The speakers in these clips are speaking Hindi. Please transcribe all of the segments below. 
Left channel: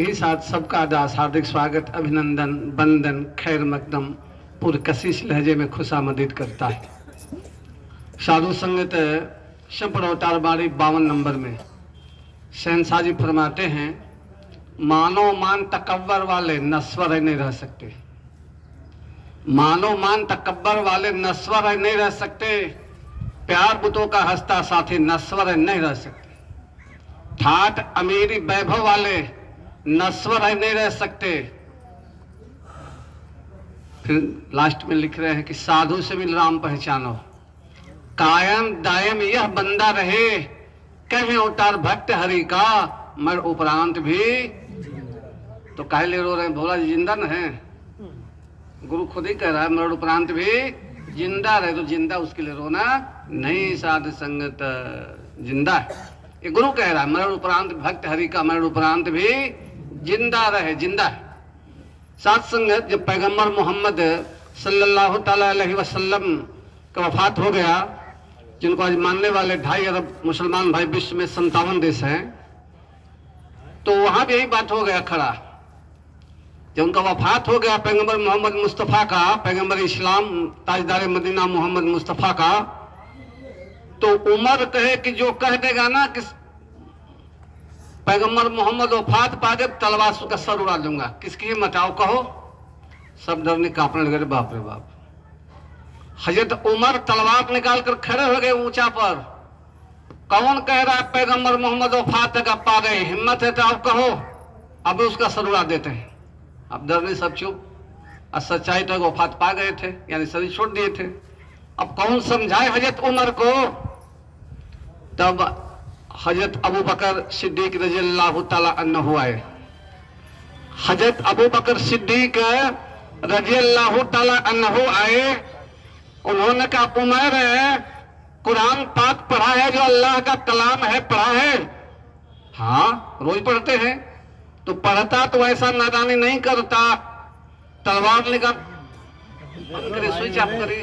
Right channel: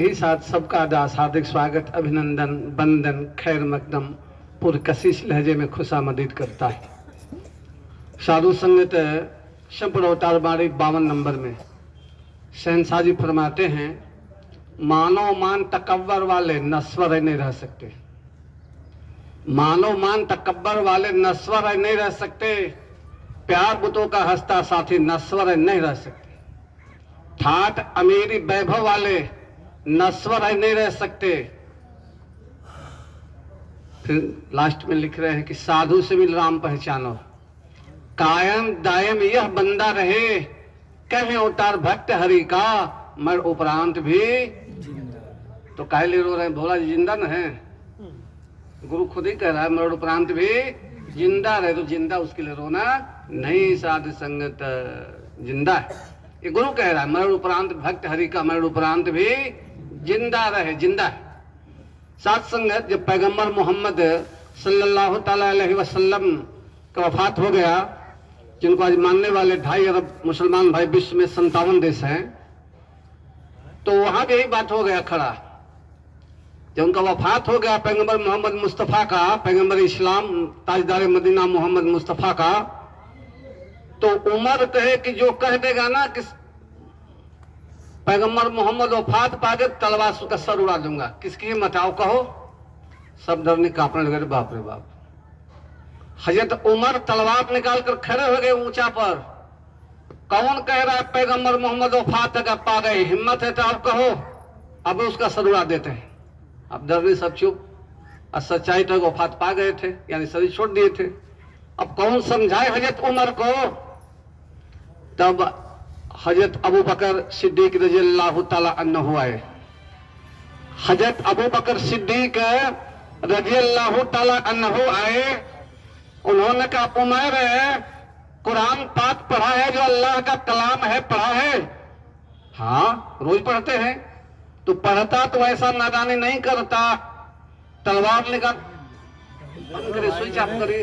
यही साथ सबका दास हार्दिक स्वागत, अभिनंदन, बंदन, खैर मकदम पूरे कशिश लहजे में खुशामदीद करता है। साधु संगत शब्द अवतार बारी 52 नंबर में शहनशाह जी फरमाते हैं, मानो मान तकब्बर वाले नस्वर नहीं रह सकते। मानो मान तकब्बर वाले नस्वर नहीं रह सकते। प्यार बुतों का हंसता साथी नस्वर नहीं रह सकते। ठाठ अमीरी वैभव वाले नस्वर नहीं रह सकते। फिर लास्ट में लिख रहे हैं कि साधु से मिल राम पहचानो, कायम दायम यह बंदा रहे, कहे अवतार भक्त हरि का मर उपरांत भी। तो काहे लिए रो रहे हैं? भोला जी जिंदा न है। गुरु खुद ही कह रहा है मर उपरांत भी जिंदा रहे, तो जिंदा उसके लिए रोना नहीं। साधु संगत जिंदा है, ये गुरु कह रहा है। मरण उपरांत भक्त हरि का मरण उपरांत भी जिंदा रहे, जिंदा है। साथ संगत जब पैगंबर मोहम्मद सल्लल्लाहु अलैहि वसल्लम का वफात हो गया, जिनको आज मानने वाले 2.5 अरब मुसलमान भाई विश्व में 57 देश हैं, तो वहां भी यही बात हो गया खड़ा। जब उनका वफात हो गया पैगंबर मोहम्मद मुस्तफ़ा का, पैगंबर इस्लाम ताजदार मदीना मोहम्मद मुस्तफ़ा का, तो उमर कहे कि जो कह देगा ना कि पैगंबर मोहम्मद वफात पा गए, तलवार का सर उड़ा दूंगा, किसकी हिम्मत आओ कहो। सब डरने कांपने लगे, बाप रे बाप। हजरत उमर तलवार निकाल कर खड़े हो गए ऊंचा पर। कौन कह रहा है पैगंबर मोहम्मद वफात का पा गए? हिम्मत है तो आप कहो। अब उसका सर उड़ा देते हैं। अब डरने सब चुप। और सच्चाई तो वफात पा गए थे, यानी शरीर छोड़ दिए थे। अब कौन समझाए हजरत उमर को? तब हजरत अबू बकर सिद्दीक रज़ियल्लाहु ताला अन्हु आए। हजरत अबू बकर सिद्दीक रज़ियल्लाहु ताला अन्हु आए। उन्होंने कहा, उमर कुरान पाक पढ़ा है, जो अल्लाह का कलाम है, पढ़ा है? हाँ, रोज पढ़ते हैं। तो पढ़ता तो ऐसा नादानी नहीं करता, तलवार निकाल करे, स्विच ऑफ करे,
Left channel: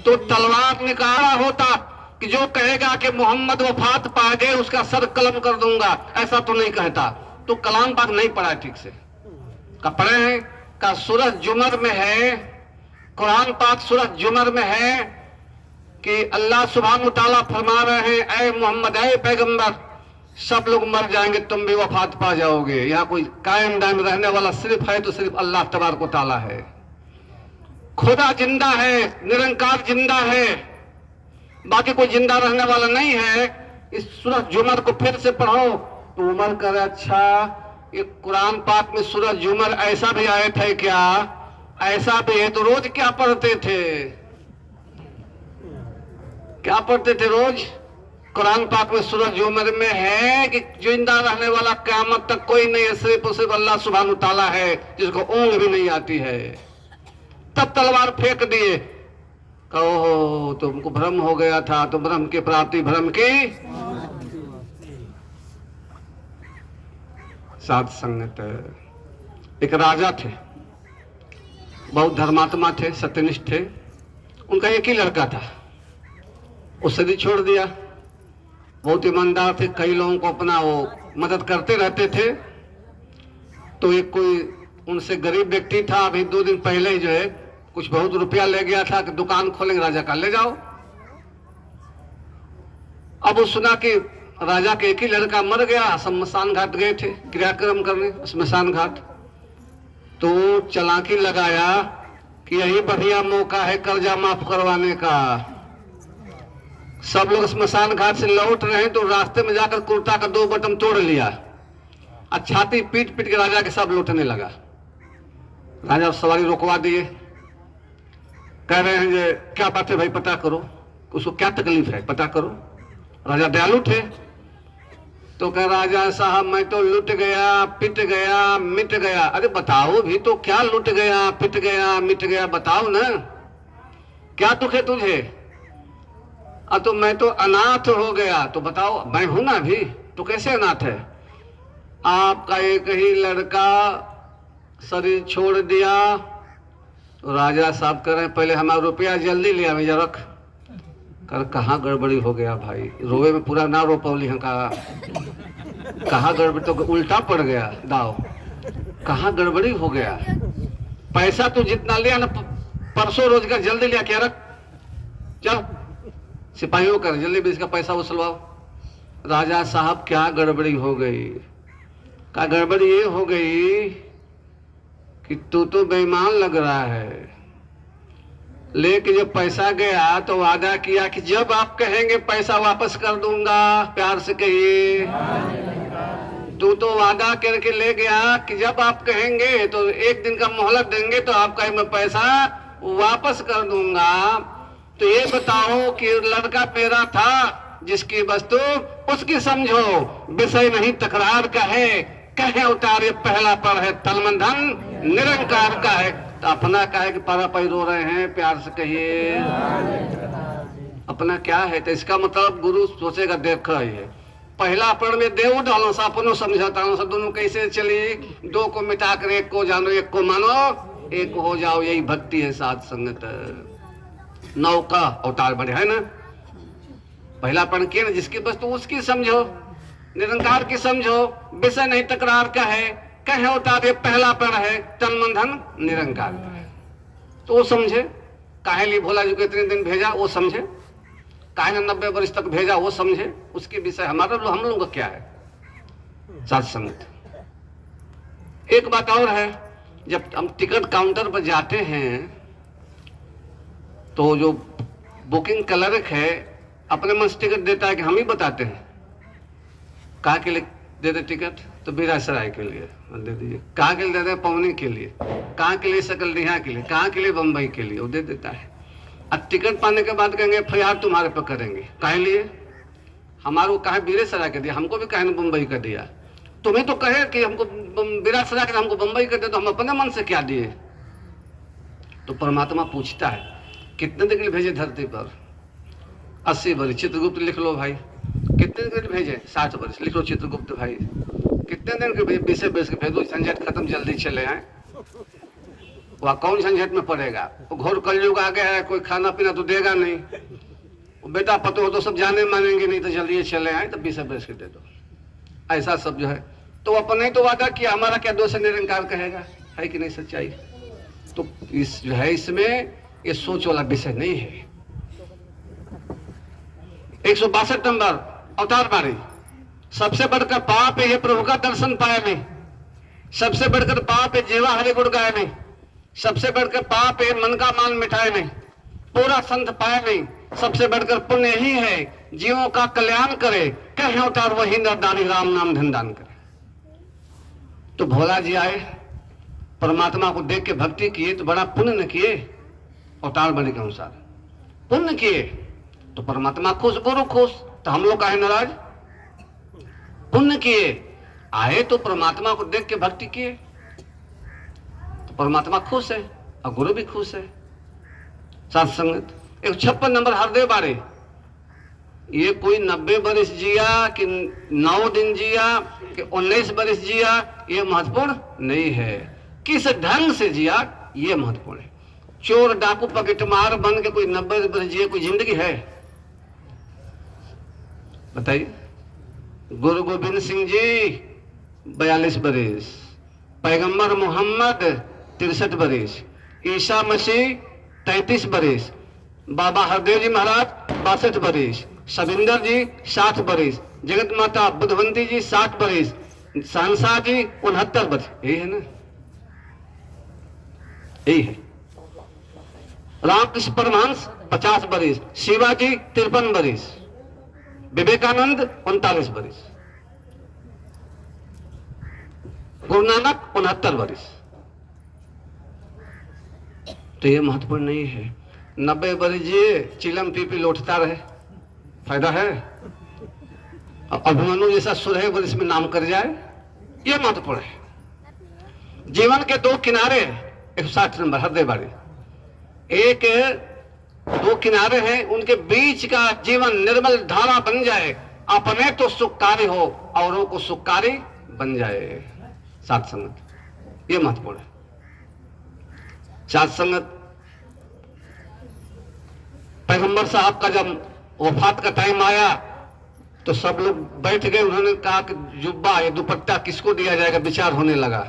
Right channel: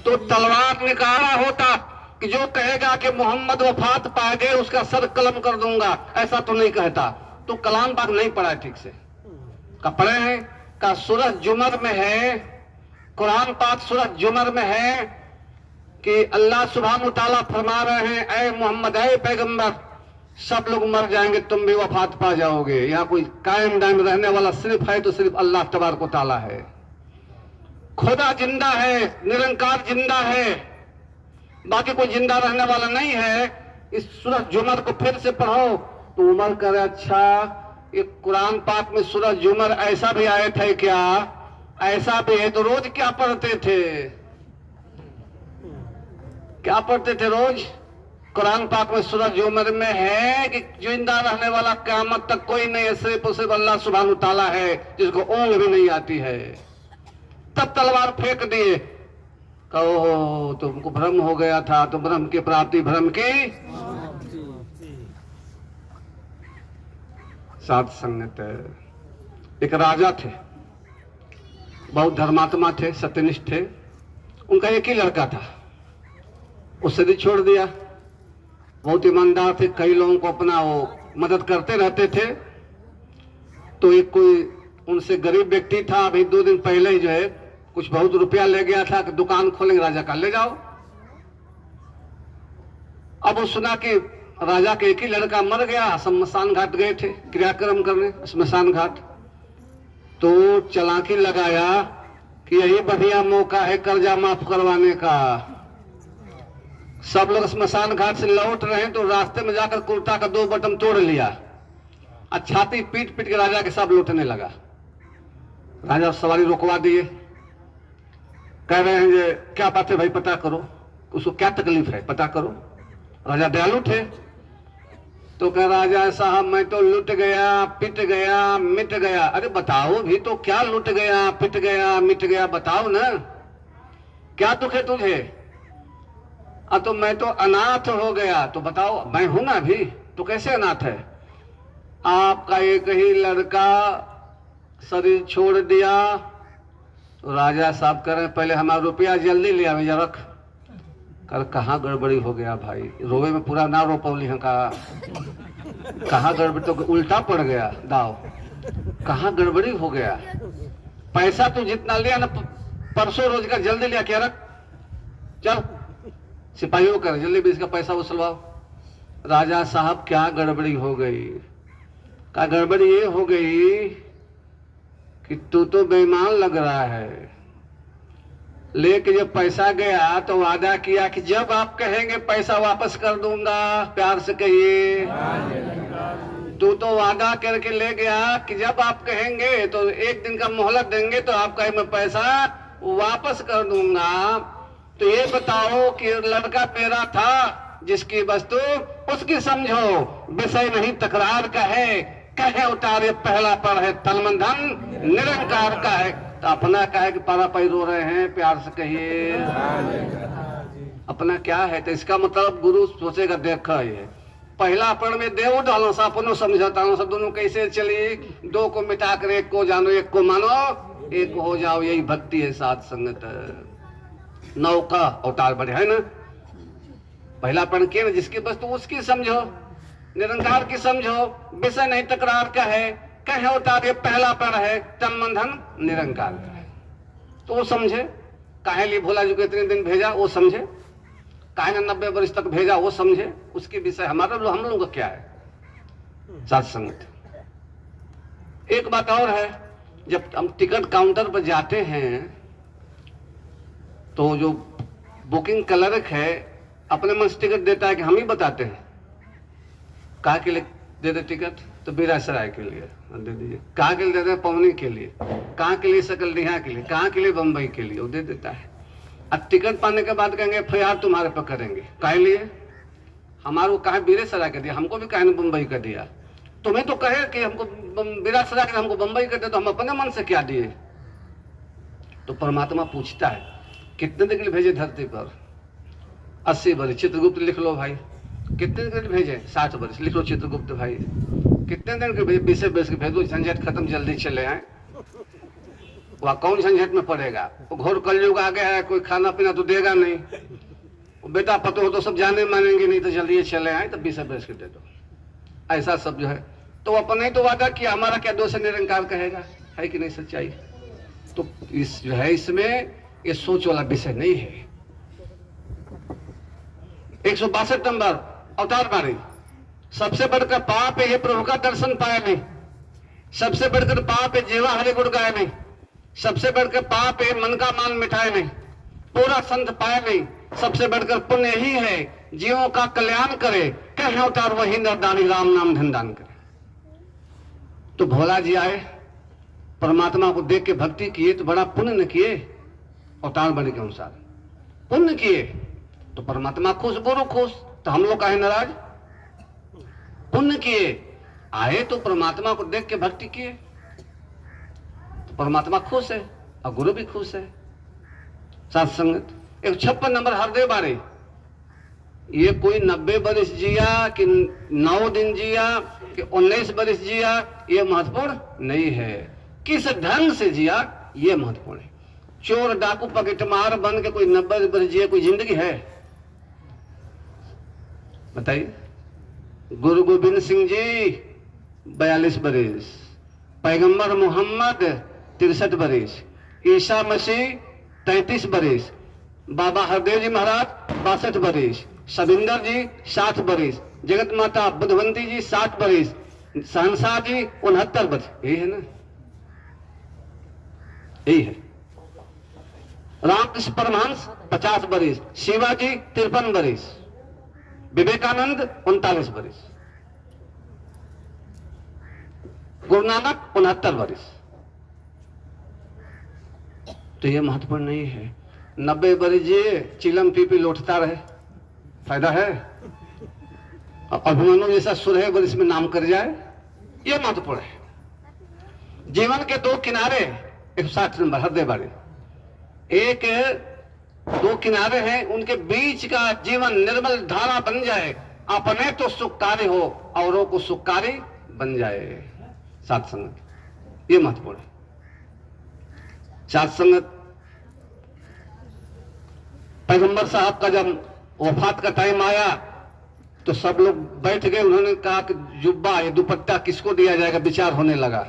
तो तलवार निकाला होता कि जो कहेगा कि मोहम्मद वफात पा गए उसका सर कलम कर दूंगा, ऐसा तो नहीं कहता। तो कलाम पाक नहीं पढ़ा ठीक से। का पढ़े हैं? का सूरह जुमर में है, कुरान पाक सूरह जुमर में है कि अल्लाह सुब्हानहु व तआला फरमा रहे हैं, ऐ मोहम्मद, ऐ पैगंबर, सब लोग मर जाएंगे, तुम भी वफात पा जाओगे। यहाँ कोई कायम दायम रहने वाला सिर्फ है तो सिर्फ अल्लाह तबारक व तआला है। खुदा जिंदा है, निरंकार जिंदा है, बाकी कोई जिंदा रहने वाला नहीं है। इस सूरह जुमर को फिर से पढ़ो। तो उमर कह रहे, अच्छा ये कुरान पाक में सूरह जुमर ऐसा भी आयत है क्या? ऐसा भी है तो रोज क्या पढ़ते थे? क्या पढ़ते थे रोज? कुरान पाक में सूरह जुमर में है कि जिंदा रहने वाला क़यामत तक कोई नहीं है, सिर्फ और सिर्फ अल्लाह सुब्हानहु व तआला है, जिसको ऊँग भी नहीं आती है। तब तलवार फेंक दिए। कहो तुमको भ्रम हो गया था, तो भ्रम की प्राप्ति भ्रम की साथ संगत है। एक राजा थे, बहुत धर्मात्मा थे, सत्यनिष्ठ थे। उनका एक ही लड़का था, उससे भी छोड़ दिया। बहुत ईमानदार थे, कई लोगों को अपना वो मदद करते रहते थे। तो एक कोई उनसे गरीब व्यक्ति था, अभी 2 दिन पहले ही जो है कुछ बहुत रुपया ले गया था कि दुकान खोलेंगे राजा का, ले जाओ। अब वो सुना कि राजा के एक ही लड़का मर गया। शमशान घाट गए थे क्रियाक्रम करने, शमशान घाट। तो चालाकी लगाया कि यही बढ़िया मौका है कर्जा माफ करवाने का। सब लोग शमशान घाट से लौट रहे हैं, तो रास्ते में जाकर कुर्ता का 2 बटन तोड़ लिया और छाती पीट पीट के राजा के सब लौटने लगा। राजा सवारी रोकवा दिए, कह रहे हैं ये क्या बात है भाई, पता करो, उसको क्या तकलीफ है, पता करो। राजा दयालु थे, तो कह राजा साहब मैं तो लुट गया, पिट गया, मिट गया। अरे बताओ भी तो, क्या लुट गया, पिट गया, मिट गया, बताओ ना, क्या दुख है तुझे? तो मैं तो अनाथ हो गया। तो बताओ, मैं हूं ना अभी, तो कैसे अनाथ है? आपका एक ही लड़का शरीर छोड़ दिया। तो राजा साहब कह रहे हैं, पहले हमारा रुपया जल्दी लिया, मैं रख। कर कहाँ गड़बड़ी हो गया भाई, रोवे में पूरा ना रो पवली है का, कहाँ गड़बड़ी, तो उल्टा पड़ गया दाव, कहाँ गड़बड़ी हो गया। पैसा तू जितना लिया ना परसों रोज का जल्दी लिया क्या रख, चल सिपाहियों कर जल्दी भी इसका पैसा वसूलवाओ। राजा साहब क्या गड़बड़ी हो गई, क्या गड़बड़ी ये हो गई कि तू तो बेईमान लग रहा है, लेकिन जब पैसा गया तो वादा किया कि जब आप कहेंगे पैसा वापस कर दूंगा, प्यार से कहिए। तू तो वादा करके ले गया कि जब आप कहेंगे तो एक दिन का मोहलत देंगे तो आप कहे मैं पैसा वापस कर दूंगा। तो ये बताओ कि लड़का तेरा था जिसकी वस्तु उसकी समझो, विषय नहीं तकरार का है, कहे उतारे पहला पड़ है, तन मन धन निरंकार का है। तो अपना का है कि पारा पाई रो रहे हैं, प्यार से कहिए अपना क्या है। तो इसका मतलब गुरु सोचेगा देखा ये पहला पढ़ में देव डालो सा अपनो समझाता हूँ, सब दोनों कैसे चली, दो को मिटा कर एक को जानो, एक को मानो, एक हो जाओ, यही भक्ति है साथ संगत। नौका अवतार बड़े है ना, पहला पढ़ के ना जिसकी वस्तु उसकी समझो, निरंकार की समझो, विषय नहीं तकरार का है, कहे उतारे पहला पढ़ है, तन मन धन निरंकार का है। तो वो समझे काहे लिए भोला जी को इतने दिन भेजा, वो समझे काहे ने 90 वर्ष तक भेजा, वो समझे उसके विषय हमारा हम लोग का क्या है साथ संगत। एक बात और है, जब हम टिकट काउंटर पर जाते हैं तो जो बुकिंग क्लर्क है अपने मन से टिकट देता है कि हम ही बताते हैं कहाँ के लिए दे दे टिकट, तो बीरासराय के लिए दे दीजिए, कहाँ के लिए दे दे पवनी के लिए, कहाँ के लिए सकलडीहा के लिए, कहाँ के लिए बम्बई के लिए, वो दे देता है। अब टिकट पाने के बाद कहेंगे FIR तुम्हारे पर करेंगे, काहे लिए, हमारे कहे बीरासराय का दिया, हमको भी कहे बम्बई का दिया, तुम्हें तो कहे कि हमको बीरासराय का हमको बम्बई का दिया, तो हम अपने मन से क्या दिए। तो परमात्मा पूछता है कितने दिन के लिए भेजे धरती पर, 80 वर्ष, चित्रगुप्त लिख लो भाई, कितने दिन के लिए भेजे, 60 वर्ष लिख लो चित्रगुप्त भाई, कितने दिन के 20 के भेजो, झंझट खत्म जल्दी चले आए। वह कौन झंझट में पड़ेगा, वो घोर कलयुग आ गया है, कोई खाना पीना तो देगा नहीं, बेटा पतो हो तो सब जाने मानेंगे नहीं, तो जल्दी चले आए, तो 20 के दे दो, ऐसा सब जो है। तो अपने ही तो वादा किया, हमारा क्या दोष निरंकार कहेगा, है कि नहीं सच्चाई। तो इस जो है इसमें ये सोच वाला विषय नहीं है। 162 नंबर अवतार बारी, सबसे बढ़कर पाप है प्रभु का दर्शन पाया नहीं, सबसे बढ़कर पाप है जेवा हरि गुण गाया नहीं, सबसे बढ़कर पाप है मन का मान मिटाए नहीं, पूरा संत पाया नहीं, सबसे बढ़कर पुण्य ही है जीवों का कल्याण करे, कहे अवतार वही नरदारी राम नाम धन दान करे। तो भोला जी आए, परमात्मा को देख के भक्ति किए तो बड़ा पुण्य न किए, अवतार बारी के अनुसार पुण्य किए तो परमात्मा खुश, गुरु खुश, तो हम लोग कहे नाराज, पुण्य किए आए तो परमात्मा को देख के भक्ति किए तो परमात्मा खुश है और गुरु भी खुश है साथ संगत। 156 नंबर हरदेव बारे, ये कोई 90 वर्ष जिया कि 9 दिन जिया कि 19 वर्ष जिया, ये महत्वपूर्ण नहीं है, किस ढंग से जिया ये महत्वपूर्ण है। चोर डाकू पकेटमार बन के कोई 90 वर्ष जिया कोई जिंदगी है, बताइए। गुरु गोविंद सिंह जी 42 बरस, पैगंबर मोहम्मद 63 बरस, ईसा मसीह 33 बरस, बाबा हरदेव जी महाराज 62 बरस, सविंदर जी 60 बरस, जगत माता बुधवंती जी 60 बरस, सहनशाह जी 69 बरस, यही है ना, यही है। रामकृष्ण परमहंस 50 बरस, शिवाजी 53 बरस, विवेकानंद 39 बरस, गुरु नानक 69 बरस। तो ये महत्वपूर्ण नहीं है। 90 बरस जिए चिलम पी लौटता रहे, फायदा है। अभिमन्यु जैसा 16 बरस में नाम कर जाए, ये महत्वपूर्ण है। जीवन के दो किनारे 160 नंबर हृदय बारे, एक 2 किनारे हैं, उनके बीच का जीवन निर्मल धारा बन जाए, अपने तो सुखकारी हो औरों को सुखकारी बन जाए साथ संगत, ये महत्वपूर्ण है साथ संगत। पैगंबर साहब का जब वफात का टाइम आया तो सब लोग बैठ गए। उन्होंने कहा कि जुब्बा या दुपट्टा किसको दिया जाएगा, विचार होने लगा।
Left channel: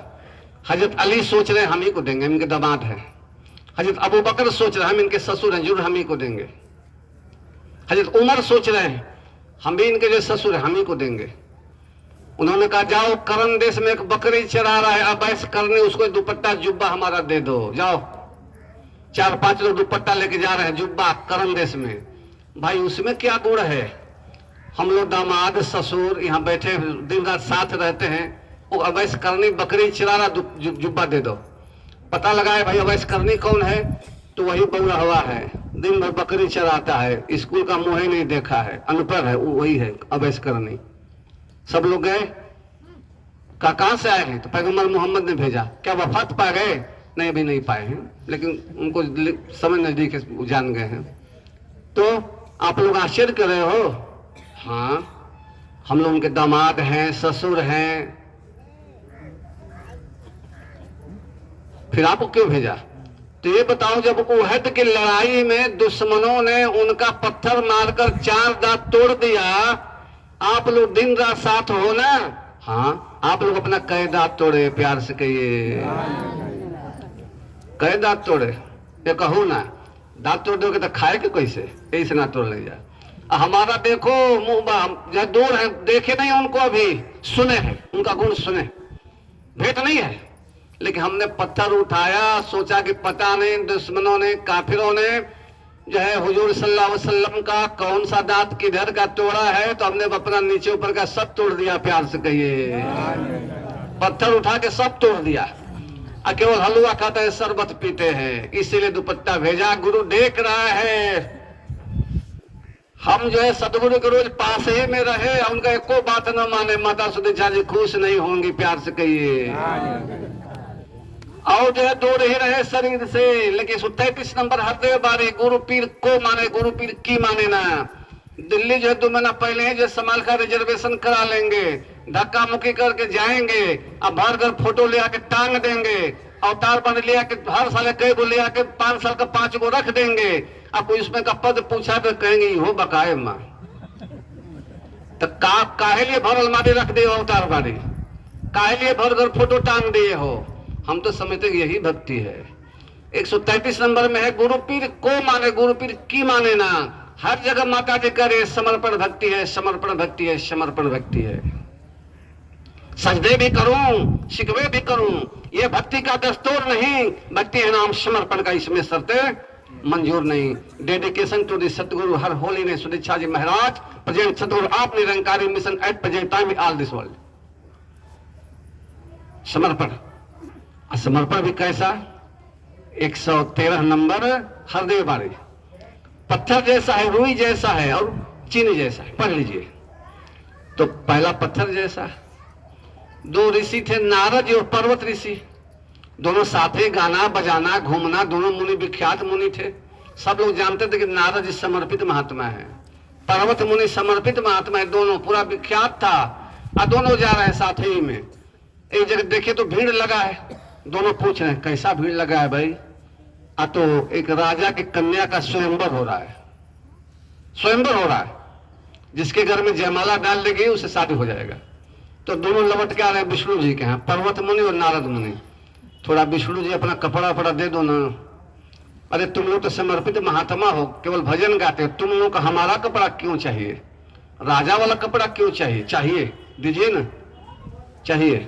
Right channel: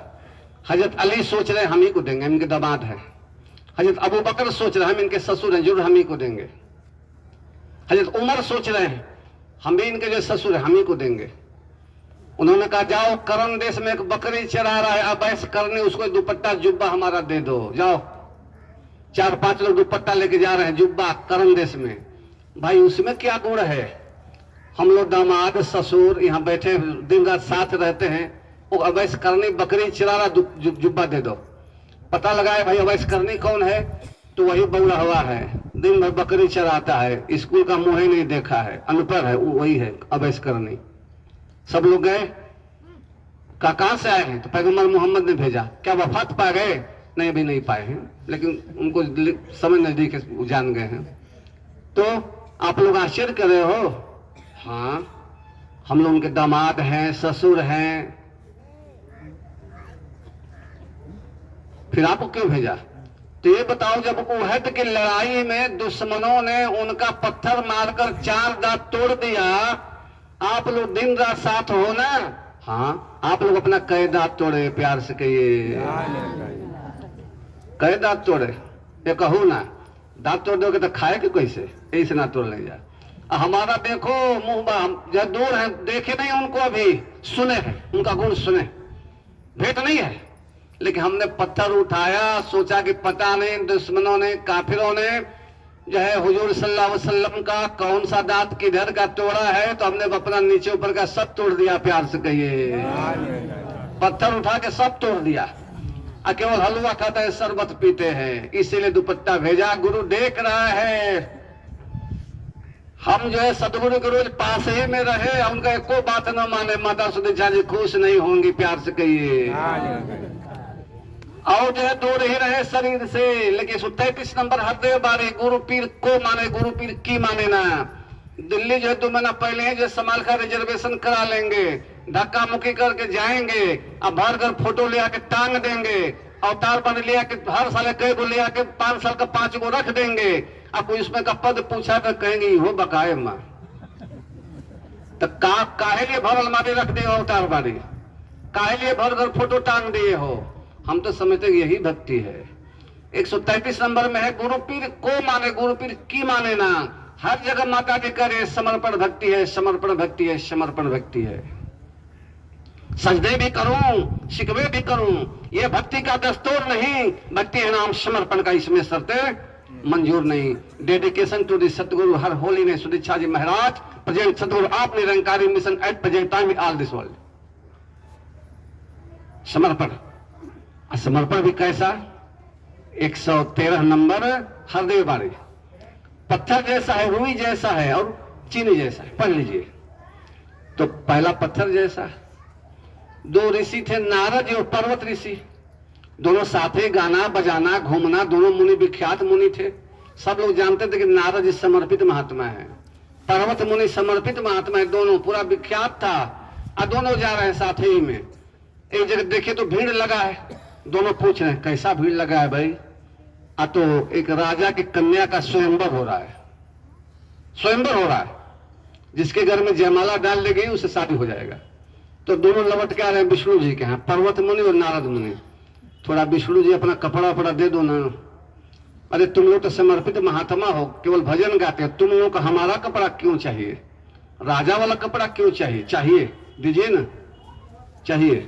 हजरत अली सोच रहे हम ही को देंगे, इनके दामाद हैं। हजरत अबू बकर सोच रहे हम इनके ससुर हैं, जरूर हम ही को देंगे। हजरत उमर सोच रहे हैं हम भी इनके जो ससुर हैं हम ही को देंगे। उन्होंने कहा जाओ, करण देश में एक बकरी चरा रहा है, अब ऐसे करने उसको दुपट्टा जुब्बा हमारा दे दो, जाओ। 4-5 लोग दुपट्टा लेके जा रहे हैं जुब्बा करण देश में। भाई उसमें क्या गुण है, हम लोग दामाद ससुर यहाँ बैठे दिन रात साथ रहते हैं, वो अवैस करनी बकरी चरा रहा, जुब्बा दे दो। पता लगाए भाई अवैस करनी कौन है, तो वही बउरहवा है, दिन भर बकरी चराता है, स्कूल का मुंह ही नहीं देखा है, अनपढ़ है, वही है अवैस करनी। सब लोग गए, कहाँ से आए हैं, तो पैगंबर मोहम्मद ने भेजा। क्या वफात पा गए? नहीं, भी नहीं पाए हैं, लेकिन उनको समय नजदीक जान गए हैं। तो आप लोग आश्चर्य कर रहे हो, हाँ हम लोग उनके दामाद हैं, ससुर हैं, फिर आपको क्यों भेजा? तो ये बताओ, जब उहद की लड़ाई में दुश्मनों ने उनका पत्थर मारकर 4 दांत तोड़ दिया, आप लोग दिन रात साथ हो ना? हाँ, आप लोग अपना कई दांत तोड़े, प्यार से कहिए कई दांत तोड़े। ये कहूँ ना, दांत तोड़ दोगे तो खाएगे कैसे, ऐसे ना तोड़ ले जा। हमारा देखो मुंह जब दूर है, देखे नहीं उनको, अभी सुने हैं उनका गुण, सुने भेंट नहीं है, लेकिन हमने पत्थर उठाया, सोचा कि पता नहीं दुश्मनों ने, काफिरों ने जो है हुजूर सल्लल्लाहु अलैहि वसल्लम का कौन सा दांत किधर का तोड़ा है, तो हमने अपना नीचे ऊपर का सब तोड़ दिया। प्यार से कहिए, पत्थर उठा के सब तोड़ दिया। केवल हलवा खाते हैं, शरबत पीते हैं, इसीलिए दुपट्टा भेजा। गुरु देख रहा है, हम जो है सदगुरु के रोज पास ही में रहे, उनका एको बात न माने, माता सुदेशा जी खुश नहीं होंगी। प्यार से कहिए, और जो है दूर ही रहे शरीर से। लेकिन 33 नंबर हृदय बारी, गुरु पीर को माने, गुरु पीर की माने ना। दिल्ली जो है 2 महीना पहले ही जो समाल का रिजर्वेशन करा लेंगे, धक्का मुक्की करके जाएंगे, अब भर कर फोटो ले आके टांग देंगे, अवतार बन ले आके हर साल कई गो ले आके 5 साल का 5 गो रख देंगे। अब कोई उसमें का पद पूछा तो कहेंगे हो बकाए माँ, तो काहे लिए भर अलमारी रख दे अवतार बारी, काहे लिए भर कर फोटो टांग दिए हो? हम तो समझते यही भक्ति है। 133 नंबर में है, गुरु पीर को माने, गुरु पीर की माने ना। हर जगह माता जी करे समर्पण भक्ति है, समर्पण भक्ति है, समर्पण भक्ति है। सजदे भी करूं, शिकवे भी करूं, ये भक्ति का दस्तूर नहीं। भक्ति है नाम समर्पण का, इसमें शर्तें मंजूर नहीं। Dedication to the Satguru her holiness Sudiksha ji Maharaj, present सतगुरु आप Nirankari mission eight present time in all this world. समर्पण, समर्पण भी कैसा? 113 नंबर हृदय बारी, पत्थर जैसा है, रुई जैसा है और चीनी जैसा है। पढ़ लीजिए। तो पहला पत्थर जैसा। 2 ऋषि थे, नारद और पर्वत ऋषि, दोनों साथ ही गाना बजाना घूमना, दोनों मुनि विख्यात मुनि थे। सब लोग जानते थे कि नारद जी समर्पित महात्मा है, पर्वत मुनि समर्पित महात्मा है, दोनों पूरा विख्यात था। और दोनों जा रहे हैं साथ ही में। एक जगह देखिए तो भीड़ लगा है, दोनों पूछ रहे हैं कैसा भीड़ लगा है भाई? तो एक राजा की कन्या का स्वयंवर हो रहा है, स्वयंवर हो रहा है, जिसके घर में जयमाला डाल दी गई उससे शादी हो जाएगा। तो दोनों लौट के आ रहे हैं विष्णु जी के यहाँ, पर्वत मुनि और नारद मुनि। थोड़ा विष्णु जी अपना कपड़ा वपड़ा दे दो ना। अरे तुम लोग तो समर्पित महात्मा हो, केवल भजन गाते हो, तुम लोग को हमारा कपड़ा क्यों चाहिए? राजा वाला कपड़ा क्यों चाहिए? चाहिए दीजिए ना, चाहिए।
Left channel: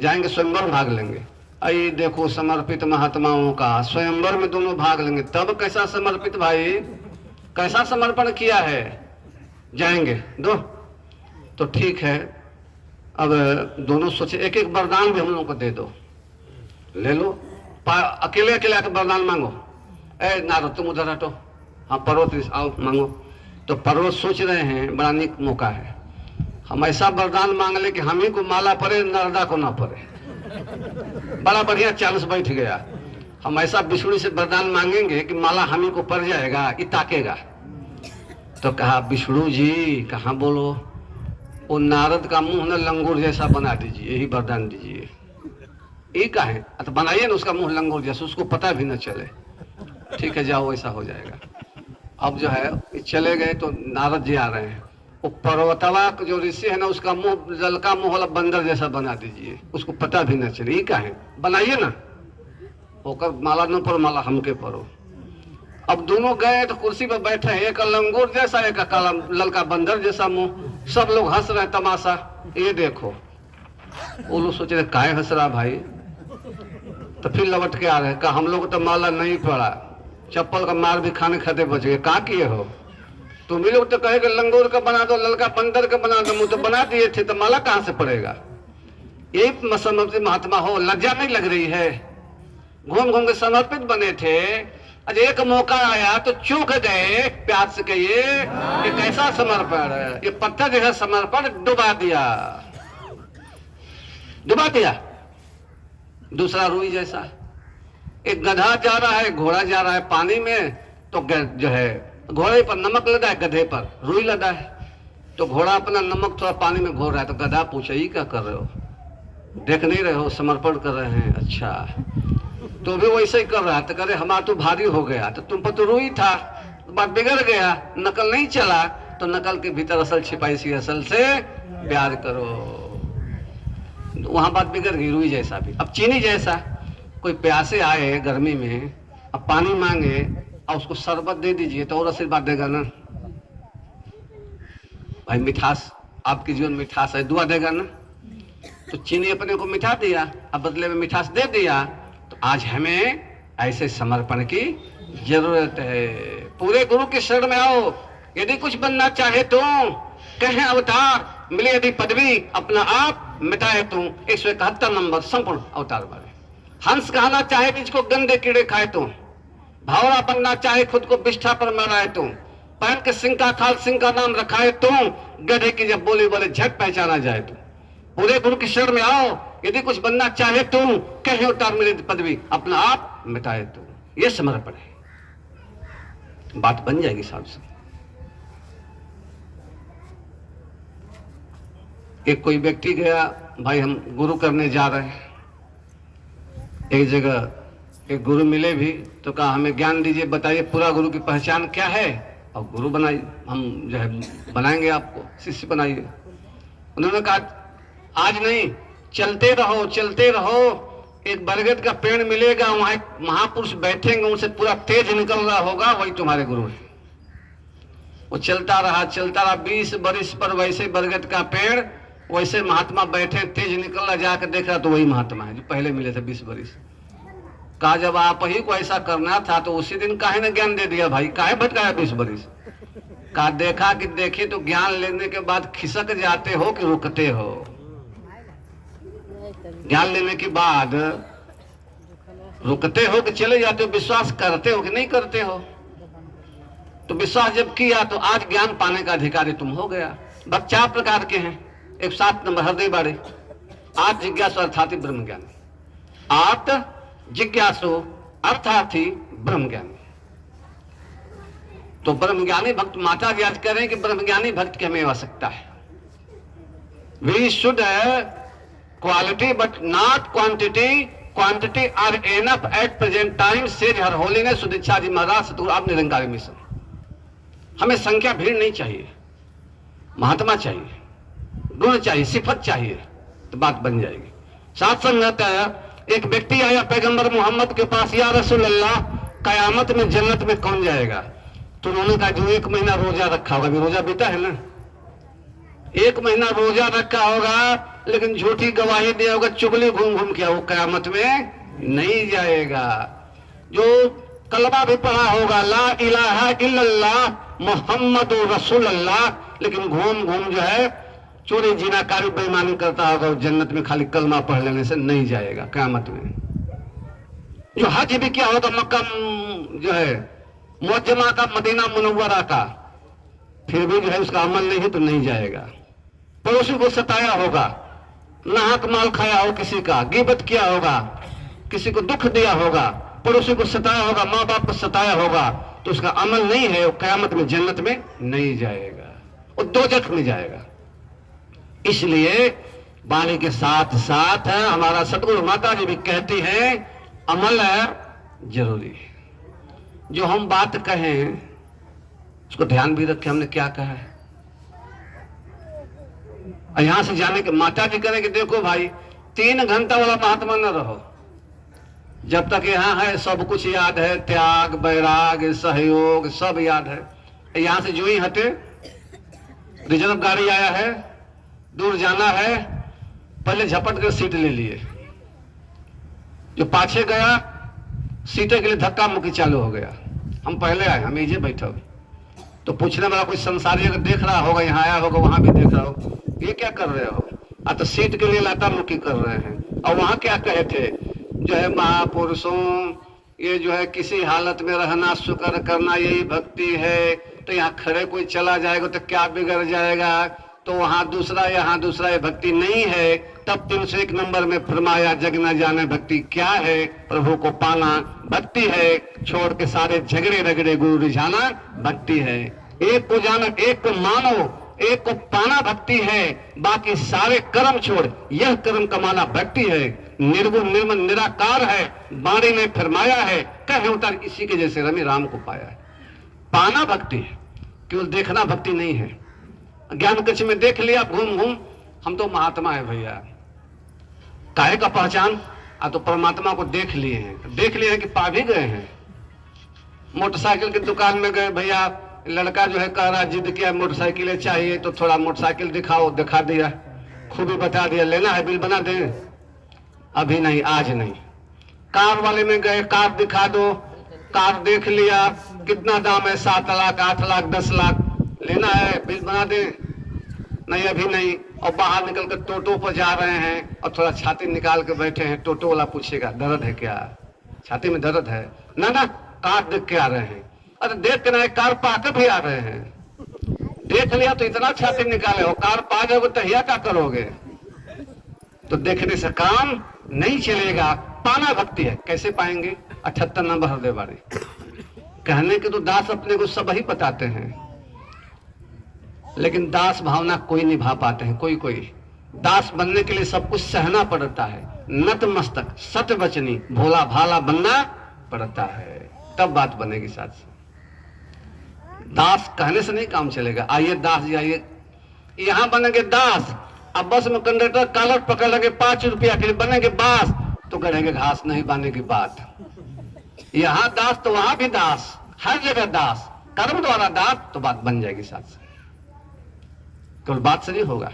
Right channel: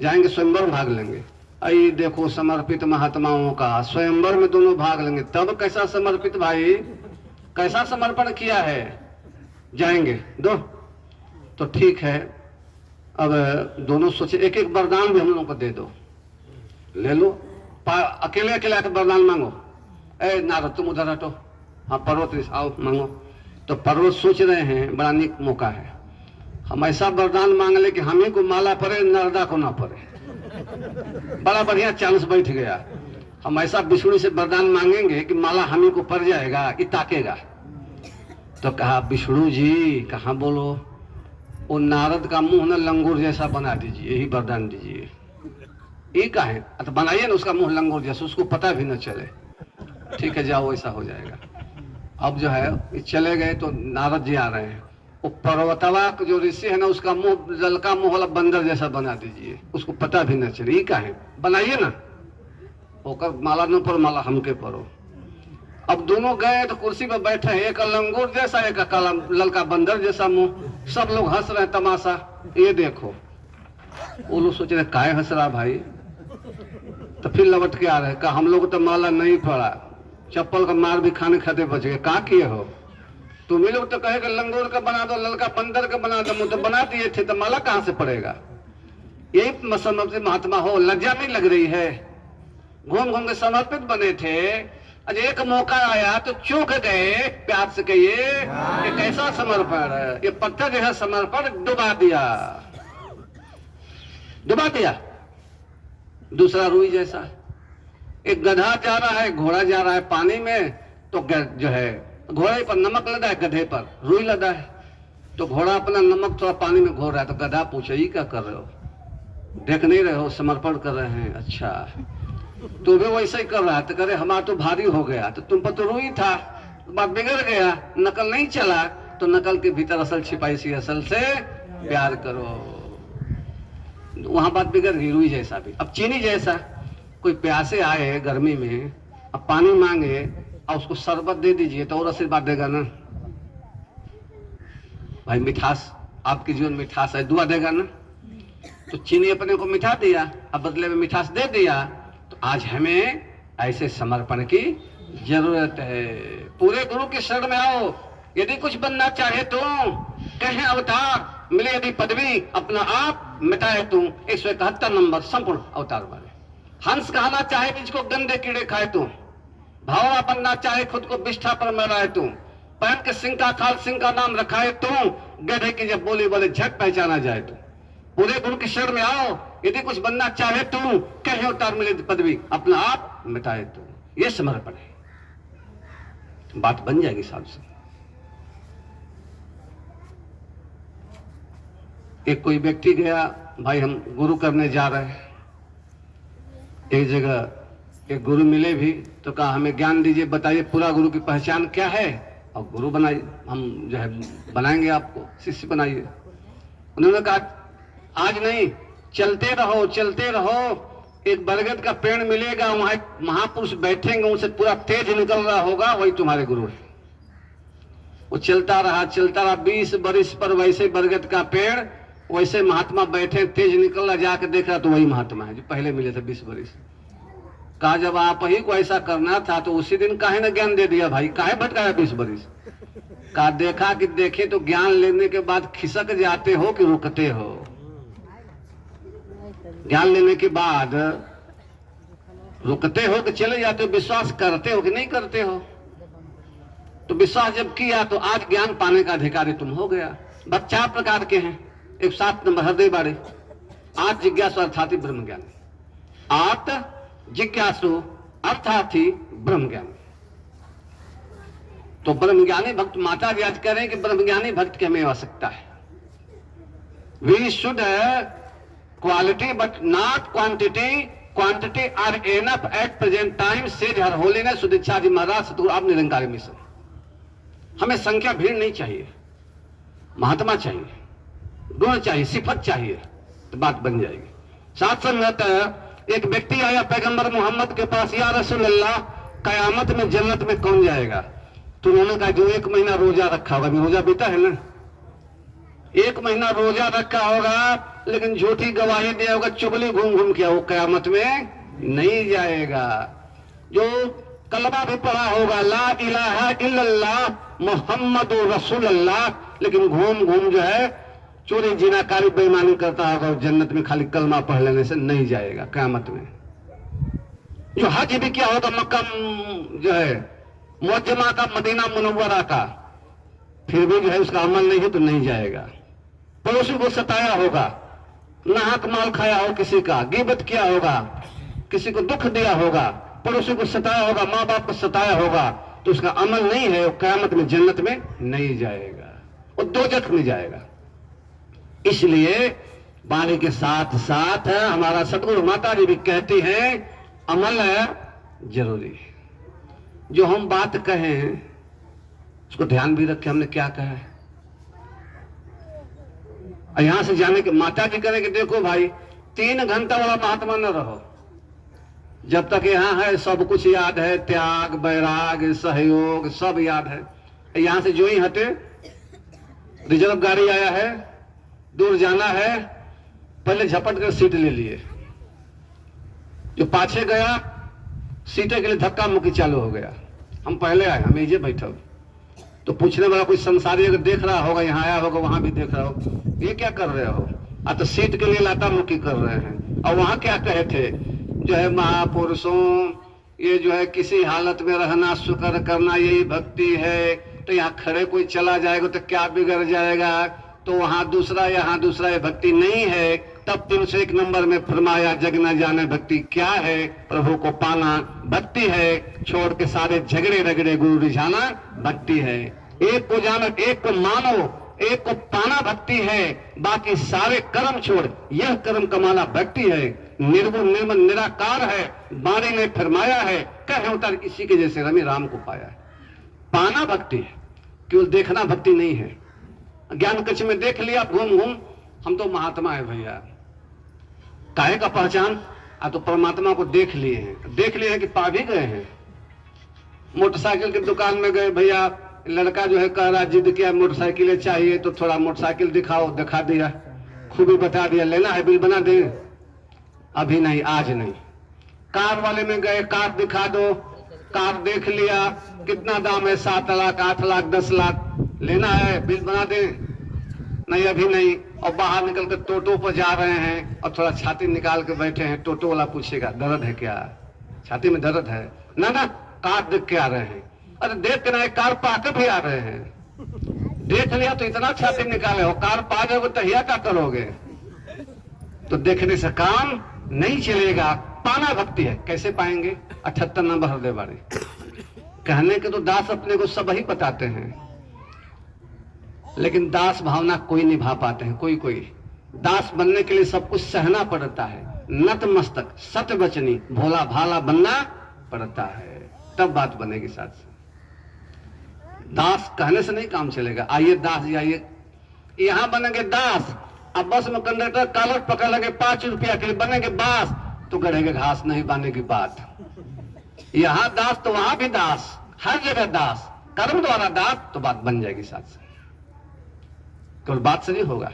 जाएंगे स्वयंवर भाग लेंगे। आई देखो समर्पित महात्माओं का स्वयंवर में दोनों भाग लेंगे, तब कैसा समर्पित भाई, कैसा समर्पण किया है। जाएंगे दो, तो ठीक है। अब दोनों सोचे एक एक वरदान भी हम लोगों को दे दो, ले लो। अकेले अकेले आकर वरदान मांगो। ए नारद तुम उधर हटो, हाँ पर्वत आओ मांगो। तो पर्वत सोच रहे हैं बड़ा निक मौका है, हम ऐसा वरदान मांग ले कि हम ही को माला पड़े, नरदा को ना पड़े। बड़ा बढ़िया चांस बैठ गया। हम ऐसा विष्णु से वरदान मांगेंगे कि माला हम ही को पड़ जाएगा, ये ताकेगा। तो कहा विष्णु जी कहाँ बोलो, वो नारद का मुंह न लंगूर जैसा बना दीजिए, यही वरदान दीजिए। ये का है तो बनाइए ना उसका मुंह लंगूर जैसा, उसको पता भी न चले। ठीक है जाओ, ऐसा हो जाएगा। अब जो है ये चले गए तो नारद जी आ रहे हैं। वो पर्वतवा जो ऋषि है ना, उसका मुंह जल का मुंह वाला बंदर जैसा बना दीजिए, उसको पता भी न चले। ये क्या है, बनाइए ना, होकर माला न पर माला हमके परो। अब दोनों गए तो कुर्सी पर बैठे, एक लंगूर जैसा, एक काला ललका बंदर जैसा मुंह। सब लोग हंस रहे तमाशा, ये देखो। वो लोग सोच रहे काय हंस रहा भाई। तो फिर लौट के आ रहे, कहा हम लोग तो माला नहीं पड़ा, चप्पल का मार भी खाने खाते बच गए। कहा किए हो तुम ही लोग? तो कहे कि लंगूर का बना दो, ललका बंदर का बना दो, तो बना दिए थे, तो माला कहां से पड़ेगा? यही समझ महात्मा हो, लज्जा नहीं लग रही है? घूम घूम के समर्पित बने थे, आज एक मौका आया तो चूक गए। प्यार से कहिए ये कैसा समर्पण है? ये पत्थर जो है समर्पण डुबा दिया, डुबा दिया। दूसरा रुई जैसा, एक गधा जा रहा है, घोड़ा जा रहा है पानी में, तो जो है घोड़े पर नमक लदा है, गधे पर रुई लदा है। तो घोड़ा अपना नमक थोड़ा पानी में घोर रहा है, तो गधा पूछे ये क्या कर रहे हो? देख नहीं रहे हो समर्पण कर रहे हैं? अच्छा, तो भी वैसे ही कर रहा है। तो करे हमारा तो भारी हो गया, तो तुम पर तो रुई था, बात बिगड़ गया, नकल नहीं चला। तो नकल के भीतर असल छिपाई सी, असल से प्यार करो। वहां बात बिगड़ गई, रुई जैसा भी। अब चीनी जैसा, कोई प्यासे आए गर्मी में, अब पानी मांगे और उसको शरबत दे दीजिए तो और आशीर्वाद देगा ना भाई। मिठास, आपके जीवन में मिठास है, दुआ देगा ना। तो चीनी अपने को मिठा दिया, अब बदले में मिठास दे दिया। तो आज हमें ऐसे समर्पण की जरूरत है। पूरे गुरु के शरण में आओ। यदि कुछ बनना चाहे तो कहे अवतार, मिले यदि पदवी, अपना आप मिटाए तुम। 171 नंबर संपूर्ण अवतार बने। हंस कहना चाहे जिसको गंदे कीड़े खाए तुम, भावरा बनना चाहे खुद को बिष्ठा पर मराए तुम, पैन के सिंह का खाल सिंह का नाम रखाए तुम, गधे की जब बोले बोले झट पहचाना जाए तुम। पूरे गुरु की शरण में आओ। यदि कुछ बनना चाहे तुम, कहे उतार मिले पदवी, अपना आप मिटाए तुम। ये समर्पण है, बात बन जाएगी साहब से। एक कोई व्यक्ति गया, भाई हम गुरु करने जा रहे हैं। एक जगह एक गुरु मिले भी, तो कहा हमें ज्ञान दीजिए, बताइए पूरा गुरु की पहचान क्या है, और गुरु बनाइए, हम जो है बनाएंगे आपको, शिष्य बनाइए। उन्होंने कहा आज नहीं, चलते रहो चलते रहो, एक बरगद का पेड़ मिलेगा, वहां एक महापुरुष बैठेंगे, उनसे पूरा तेज निकल रहा होगा, वही तुम्हारे गुरु है। वो चलता रहा 20 बरिस पर वैसे बरगद का पेड़, वैसे महात्मा बैठे, तेज निकल रहा, जाकर देख रहा तो वही महात्मा है जो पहले मिले थे 20 बरिस। कहा जब आप ही को ऐसा करना था तो उसी दिन काहे ना ज्ञान दे दिया भाई, काहे भटकाया 20 बरिस? कहा देखा कि देखे तो ज्ञान लेने के बाद खिसक जाते हो कि रुकते हो? ज्ञान लेने के बाद रुकते हो कि चले जाते हो? विश्वास करते हो कि नहीं करते हो? तो विश्वास जब किया तो आज ज्ञान पाने का अधिकारी तुम हो गया। भक्त 4 प्रकार के हैं। एक 7 नंबर हृदय बारे, आत्म जिज्ञासु अर्थार्थी ब्रह्म ज्ञान। आत्म जिज्ञासु अर्थार्थी ब्रह्म ज्ञान। तो ब्रह्मज्ञानी भक्त, माता जी आज कह रहे हैं कि ब्रह्मज्ञानी भक्त की हमें आवश्यकता है। We should quality but not quantity, quantity are enough at present time, says her holiness Sudiksha ji Maharaj Satguru आप निरंकारी मिशन। हमें संख्या भीड़ नहीं चाहिए, महात्मा चाहिए, गुण चाहिए, सिफत चाहिए, तो बात बन जाएगी। साथ संगत एक व्यक्ति आया पैगंबर मोहम्मद के पास, या रसूल अल्लाह कयामत में जन्नत में कौन जाएगा? तो उन्होंने कहा जो 1 महीना रोजा रखा होगा। अभी रोजा बीता है ना, 1 महीना रोजा रखा होगा लेकिन झूठी गवाही दिया होगा, चुगली घूम घूम किया, वो कयामत में नहीं जाएगा। जो कलमा भी पढ़ा होगा ला इलाहा इल्लल्लाह मुहम्मद रसूलुल्लाह, लेकिन घूम घूम जो है चोरी जिनाकारी बेईमानी करता होगा, जन्नत में खाली कलमा पढ़ लेने से नहीं जाएगा कयामत में। जो हज भी किया होगा मक्का जो है मुअज्जमा का, मदीना मुनव्वरा का, फिर भी जो है उसका अमल नहीं है तो नहीं जाएगा। पड़ोसी को सताया होगा, नाहक माल खाया हो किसी का, गीबत किया होगा, किसी को दुख दिया होगा, पड़ोसी को सताया होगा, माँ बाप को सताया होगा, तो उसका अमल नहीं है, वो कयामत में जन्नत में नहीं जाएगा, वो दोजख में जाएगा। इसलिए वाणी के साथ साथ हमारा सतगुरु माता जी भी कहती है अमल जरूरी है। जो हम बात कहें उसको ध्यान भी रखे हमने क्या कहा है। और यहां से जाने के माता जी करें कि देखो भाई 3 घंटा वाला महात्मा न रहो, जब तक यहाँ है सब कुछ याद है, त्याग वैराग सहयोग सब याद है। यहां से जो ही हटे, रिजर्व गाड़ी आया है, दूर जाना है, पहले झपट कर सीट ले लिए। जो पाछे गया सीटे के लिए धक्का मुक्की चालू हो गया। हम पहले आए, हम इजे बैठे तो पूछने वाला कोई संसारी अगर देख रहा होगा, यहाँ आया होगा, वहां भी देख रहा हो, ये क्या कर रहे हो? तो सीट के लिए लाता मुक्की कर रहे हैं। और वहां क्या कहे थे, जो है महापुरुषों, ये जो है किसी हालत में रहना, शुक्र करना यही भक्ति है। तो यहाँ खड़े कोई चला जाएगा तो क्या बिगड़ जाएगा? तो वहां दूसरा, यहाँ दूसरा, ये भक्ति नहीं है। तब 301 नंबर में फरमाया, जग न जाने भक्ति क्या है, प्रभु को पाना भक्ति है, छोड़ के सारे झगड़े रगड़े गुरु रिझाना भक्ति है। एक को जाना, एक को मानो, एक को पाना भक्ति है, बाकी सारे कर्म छोड़ यह कर्म कमाना भक्ति है। निर्गुण निर्मल निराकार है, बाणी में फरमाया है, कहे उतर इसी के जैसे रमे राम को पाया है। पाना भक्ति है, केवल देखना भक्ति नहीं है। ज्ञान कक्ष में देख लिया घूम घूम, हम तो महात्मा है भैया, काहे का पहचान? तो परमात्मा को देख लिए हैं, देख लिए हैं कि पा भी गए हैं। मोटरसाइकिल की दुकान में गए, भैया लड़का जो है कह रहा, जिद किया मोटरसाइकिल चाहिए, तो थोड़ा मोटरसाइकिल दिखाओ, दिखा दिया, खूबी बता दिया, लेना है बिल बना दे, अभी नहीं, आज नहीं। कार वाले में गए, कार दिखा दो, कार देख लिया, कितना दाम है, 7 लाख 8 लाख 10 लाख, लेना है बिल बना दे, नहीं अभी नहीं। और बाहर निकल कर टोटो पर जा रहे हैं और थोड़ा छाती निकाल के बैठे हैं, टोटो वाला पूछेगा दर्द है क्या, छाती में दर्द है? ना ना, कार देख के आ रहे हैं। अरे देख रहे, कार पाकर भी आ रहे हैं, देख लिया तो इतना छाती निकाले हो, कार पा जाओगे तो हिया क्या करोगे? तो देखने से काम नहीं चलेगा, पाना भक्ति है। कैसे पाएंगे? 78 नंबर हृदय वाले कहने के तो दास अपने को सब ही बताते हैं, लेकिन दास भावना कोई निभा पाते हैं। कोई कोई दास बनने के लिए सब कुछ सहना पड़ता है, नतमस्तक सत्य वचनी भोला भाला बनना पड़ता है, तब बात बनेगी। साथ दास कहने से नहीं काम चलेगा। आइए दास जाइए, यहाँ बनेंगे दास, अब बस में कंडक्टर कॉलर पकड़ लगे 5 रुपया के लिए बनेंगे बास, तो गढ़ेंगे घास नहीं बांधने की बात। यहाँ दास तो वहां भी दास, हर जगह दास, कर्म द्वारा दास, तो बात बन जाएगी। साथ केवल बात से नहीं होगा,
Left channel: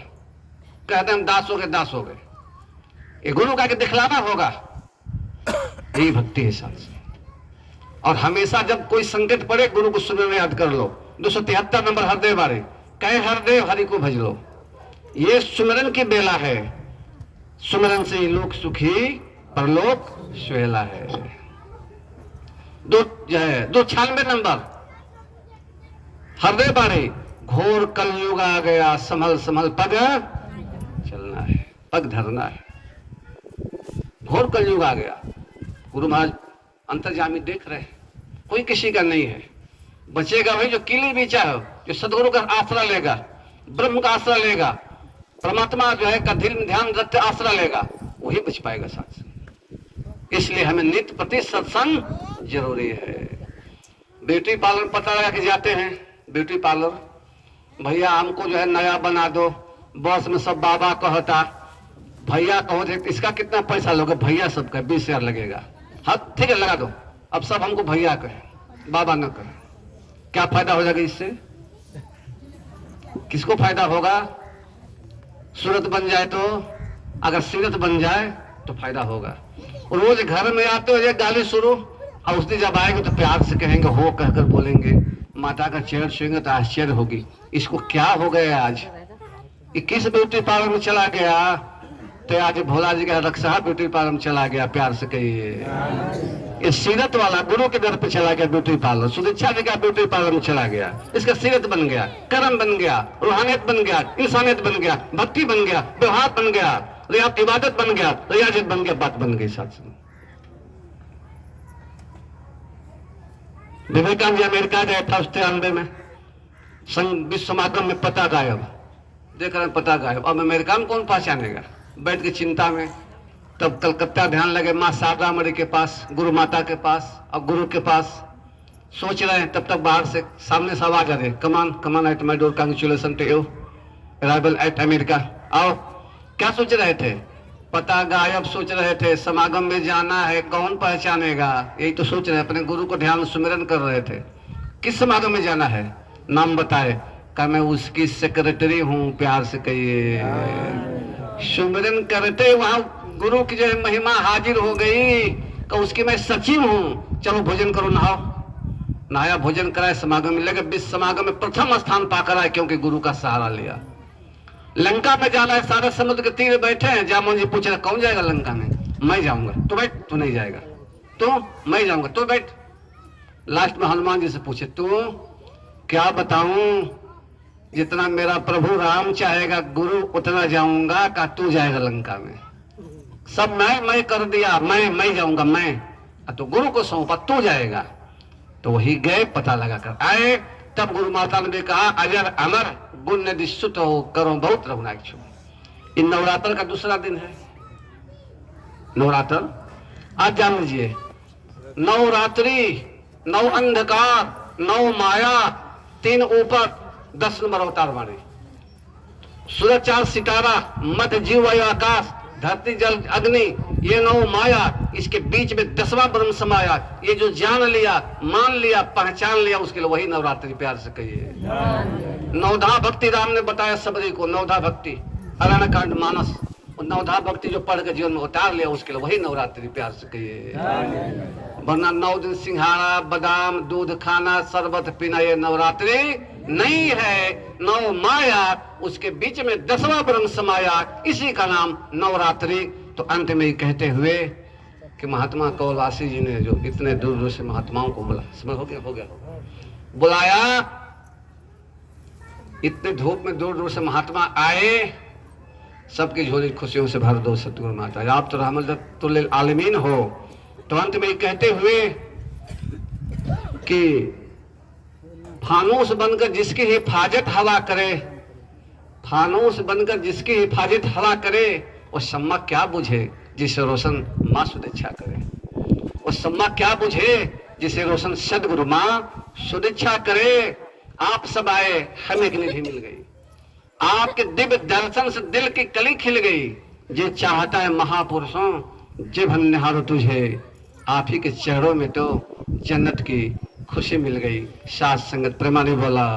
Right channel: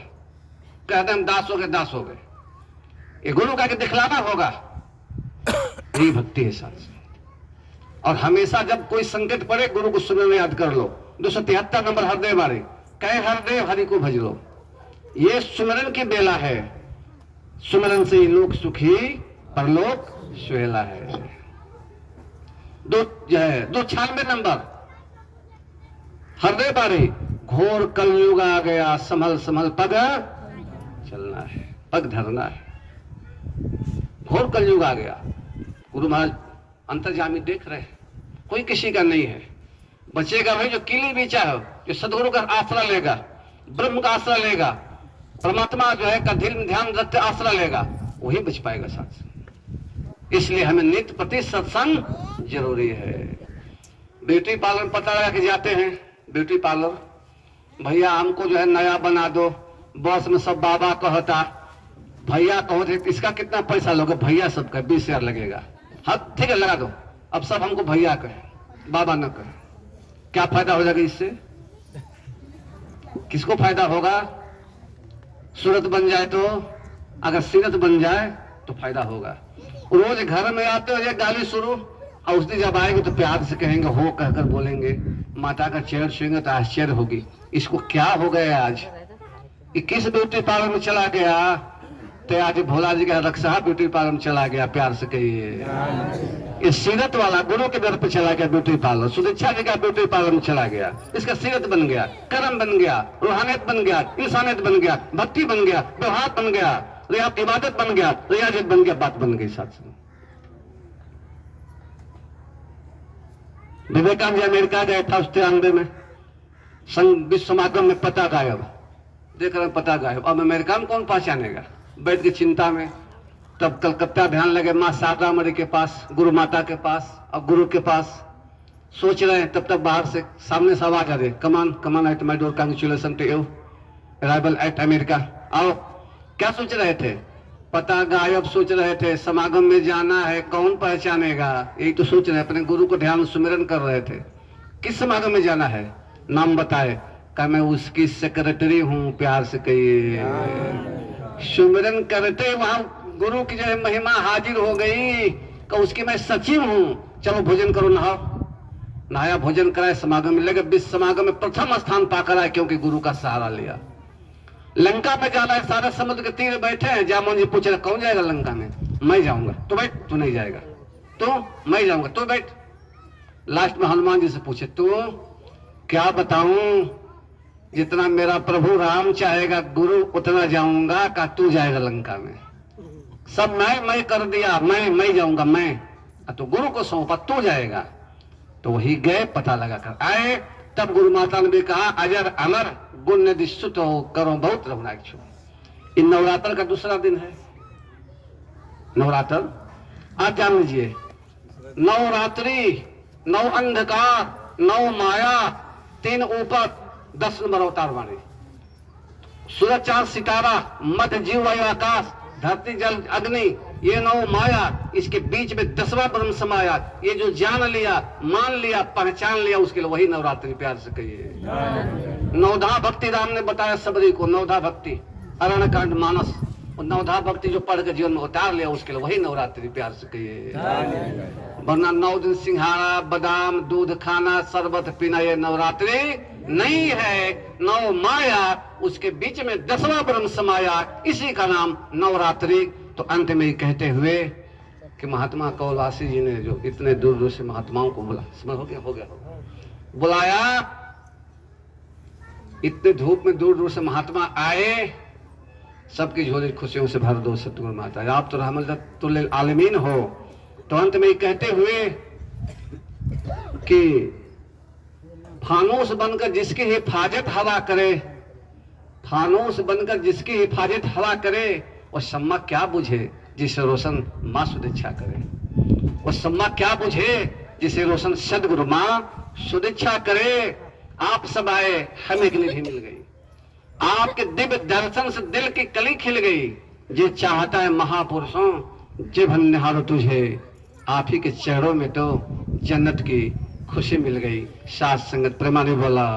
कहते हम दास हो गए, दास हो गए, ये गुरु का के दिखलाना होगा, यही भक्ति है। साथ और हमेशा जब कोई संकट पड़े, गुरु को सुनने याद कर लो। 273 नंबर हरदेव वाले कहे, हरदेव हरि को भज लो, ये सुमरन की बेला है, सुमरन से लोक सुखी परलोक सुहेला है। 296 नंबर हरदेव वाले, घोर कलयुग आ गया, संभल संभल पग चलना है, पग धरना है। घोर कलयुग आ गया, गुरु महाराज अंतर्जामी देख रहे हैं, कोई किसी का नहीं है। बचेगा भाई जो किले भी चाहे, जो सदगुरु का आश्रय लेगा, ब्रह्म का आश्रय लेगा, परमात्मा जो है का ध्यान रखते आश्रय लेगा, वही बच पाएगा। साथ इसलिए हमें नित्य प्रति सत्संग जरूरी है। ब्यूटी पार्लर पता लगा के जाते हैं, ब्यूटी पार्लर, भैया हमको जो है नया बना दो, बस में सब बाबा कहता, भैया कहो थे इसका कितना पैसा लोगे? भैया सबका 20,000 लगेगा। हाँ ठीक है लगा दो। अब सब हमको भैया कहे, बाबा न कहे, क्या फायदा हो जाएगा इससे? किसको फायदा होगा? सूरत बन जाए तो, अगर सीरत बन जाए तो फायदा होगा। रोज घर में आते हो ये गाली शुरू, और उस दिन जब आएंगे तो प्यार से कहेंगे, हो कहकर बोलेंगे, माता का चेहरा छुएंगे तो आश्चर्य होगी, इसको क्या हो गया आज, ये किस ब्यूटी पार्लर में चला गया? तो आज भोला जी का रक्षा ब्यूटी पार्लर में चला गया, प्यार से कहिए। ये सीरत वाला गुरु के दर पे चला गया ब्यूटी पार्लर, सुदीक्षा जी का ब्यूटी पार्लर में चला गया, इसका सीरत बन गया, कर्म बन गया, रूहानियत बन गया, इंसानियत बन गया, भक्ति बन गया, व्यवहार बन गया, इबादत बन गया, रियाजत बन गया, बात बन गई। साथ विवेकानंद जी अमेरिका गए था 93 में, संघ विश्व समागम में पता गायब, देख रहे पता गायब। अब अमेरिका में कौन पहचानेगा? बैठ के चिंता में। तब कलकत्ता ध्यान लगे माँ शारदा मणि के पास, गुरु माता के पास और गुरु के पास। सोच रहे हैं, तब तक बाहर से सामने से आवाज आ रही, come on come on at my door, congratulation to you arrival at America. आओ। क्या सोच रहे थे? पता गायब सोच रहे थे, समागम में जाना है, कौन पहचानेगा, यही तो सोच रहे। अपने गुरु को ध्यान सुमिरन कर रहे थे। किस समागम में जाना है? नाम बताए, कहा मैं उसकी सेक्रेटरी हूँ, प्यार से कहिए। सुमिरन करते वहां गुरु की जो है महिमा हाजिर हो गई, कि उसकी मैं सचिव हूँ। चलो भोजन करो, नहाओ। नहाया, भोजन कराए, समागम में लगे। विश्व समागम में प्रथम स्थान पाकर आए, क्योंकि गुरु का सहारा लिया। लंका में जाना है, सारे समुद्र के तीर बैठे हैं। जामोन जी पूछ रहे कौन जाएगा लंका में? मैं जाऊंगा। तो बैठ। तू नहीं जाएगा। तू? मैं जाऊंगा। तो बैठ। लास्ट में हनुमान जी से पूछे, तू? क्या बताऊं, जितना मेरा प्रभु राम चाहेगा गुरु उतना जाऊंगा। का तू जाएगा लंका में? सब मैं कर दिया, मैं जाऊंगा मैं। तो गुरु को सौंपा, तू जाएगा। तो वही गए, पता लगा कर आए। तब गुरु माता ने भी कहा, अजर अमर गुण निधि सुत हो, करो बहुत रघुनाथ। इन नवरात्र का दूसरा दिन है। नवरात्र आज जान लीजिए, नवरात्रि, नौ अंधकार, नौ माया, 3 ऊपर, 10 नंबर अवतार हमारे। सूरज चांद सितारा, मध्य जीव वायु आकाश, धरती जल अग्नि, ये 9 माया। इसके बीच में 10वां ब्रह्म समाया। ये जो जान लिया, मान लिया, पहचान लिया, उसके लिए वही नवरात्रि, प्यार से कहिए। नवधा भक्ति राम ने बताया सबरी को, नवधा भक्ति, अरण्य कांड मानस। नवधा भक्ति जो पढ़ के जीवन में उतार लिया, उसके लिए वही नवरात्रि, प्यार से कहिए। वरना 9 दिन सिंघाड़ा बादाम दूध खाना शरबत पीना ये नवरात्रि नहीं है। 9 माया, उसके बीच में 10वां ब्रह्म समाया, इसी का नाम नवरात्रि। तो अंत में ही कहते हुए कि महात्मा कौलासी जी ने जो इतने दूर दूर से महात्माओं को बुला, समझ हो गया बुलाया, इतने धूप में दूर दूर से महात्मा आए, सबकी झोली खुशियों से भर दो सतगुरु माता। आप तो रहमतुल आलमीन हो। तो अंत में कहते हुए कि फानूस बनकर जिसकी हिफाजत हला करे, फानूस बनकर जिसकी हिफाजत हला करे, और सम्मा क्या बुझे जिसे रोशन माँ सुदीक्षा करे। और सम्मा क्या बुझे जिसे रोशन सदगुरु माँ सुदीक्षा करे। आप सब आए, हमें एक निधि मिल गई। आपके दिव्य दर्शन से दिल की कली खिल गई। जे चाहता है महापुरुषों, जब हम निहारो तुझे, आप ही के चरणों में तो जन्नत की खुशी मिल गई। साथ संगत प्रेमा ने बोला।